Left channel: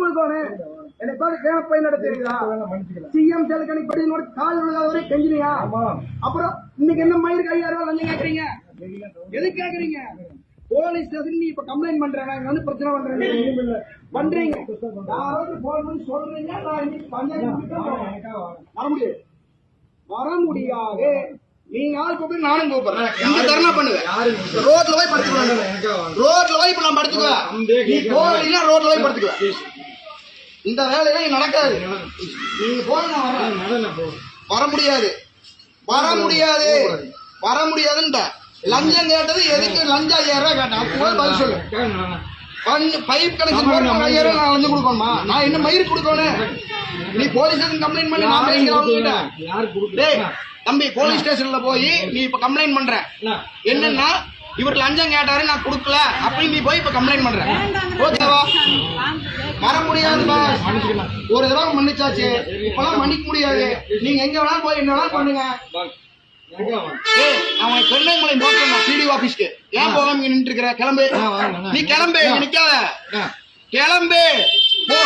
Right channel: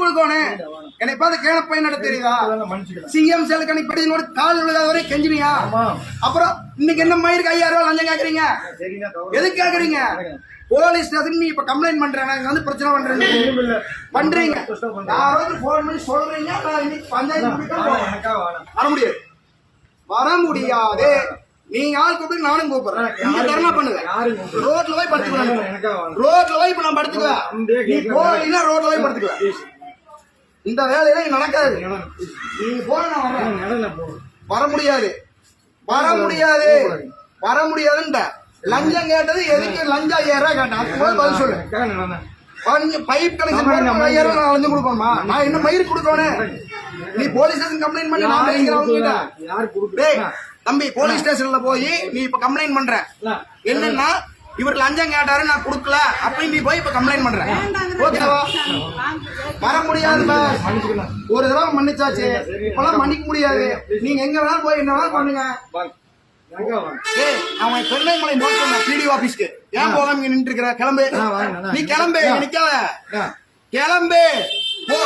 கொடுக்கணும். என்னை பார்த்து கேன பையன் நட தெரியுதா? சிஎம் சேலக்கணி படி கால் விழுகாத வரை கெஞ்சினியா? அப்புறம் இன்னைக்கு என்ன மயிருக்கு 5000 ரூபாய் லஞ்சம் கேக்குறீங்க? எதுக்கு கேக்குறீங்க? போலீஸ் ஸ்டேஷன் நீ இப்ப கம்ப்ளைண்ட் பண்றேன், இங்க வந்து பிரச்சனை பண்றீங்க. யாராவது போன் பண்ணி சொல்றீங்க, நான் இன்னைக்கு பஞ்சாயத்து வர முடியாது, வர முடியாது. நீங்க ஆள் கூப்பிட்டு நானும் கூப்பிடுறேன். இங்க தர்ணா பண்ணுவேன், ரோட்ல போய் படுத்துக்குவேன். ரோட்ல போய் இப்ப நான் படுத்துக்குவேன், நீ போகல ரோட்ல போய் படுத்துக்குவேன். இந்த வேலையெல்லாம் நடக்காது. நீங்க போக நான் வரேன். வர முடியாது, வர முடியாது, வர முடியாதுன்ற லஞ்சம் கேட்டது எதுக்கு? லஞ்சம் 5000 ரூபாய் கேட்டேன். அப்போ பதில் சொல்லு. பைப் கனெக்ஷன் 5000 ரூபாய் நான் லஞ்சம் கொடுக்கணுமா? நான் என்ன மயிர் கொடுக்கணும்? நீ போலீஸ் ஸ்டேஷன் கம்ப்ளைண்ட் பண்ணி நான் பேசுகிறேன். தம்பி போலீஸ் ஸ்டேஷன்ல போய் நீ இப்ப கம்ப்ளைண்ட் பண்ற என்னன்னா இவர் லஞ்சம் கேட்டாரு நான் கொடுக்கல அப்படின்னு நீ போய் இப்ப கம்ப்ளைண்ட் பண்ற. ஓகேவா? வர முடியாது. ஒரு தடவை மன்னிச்சாச்சு, இப்பெல்லாம் மன்னிக்க முடியாது. நீங்க எங்க வேணாலும் போய் என்ன வேணாலும் பண்ணுங்க. அவன் பெருநாய்மலை போக பிடிஓ ஆபீஸ்க்கு ஏன் போகாம நின்று இருக்கிற? கிளம்பு, நீ கிளம்பு, நிக்காத, கிளம்பு போ.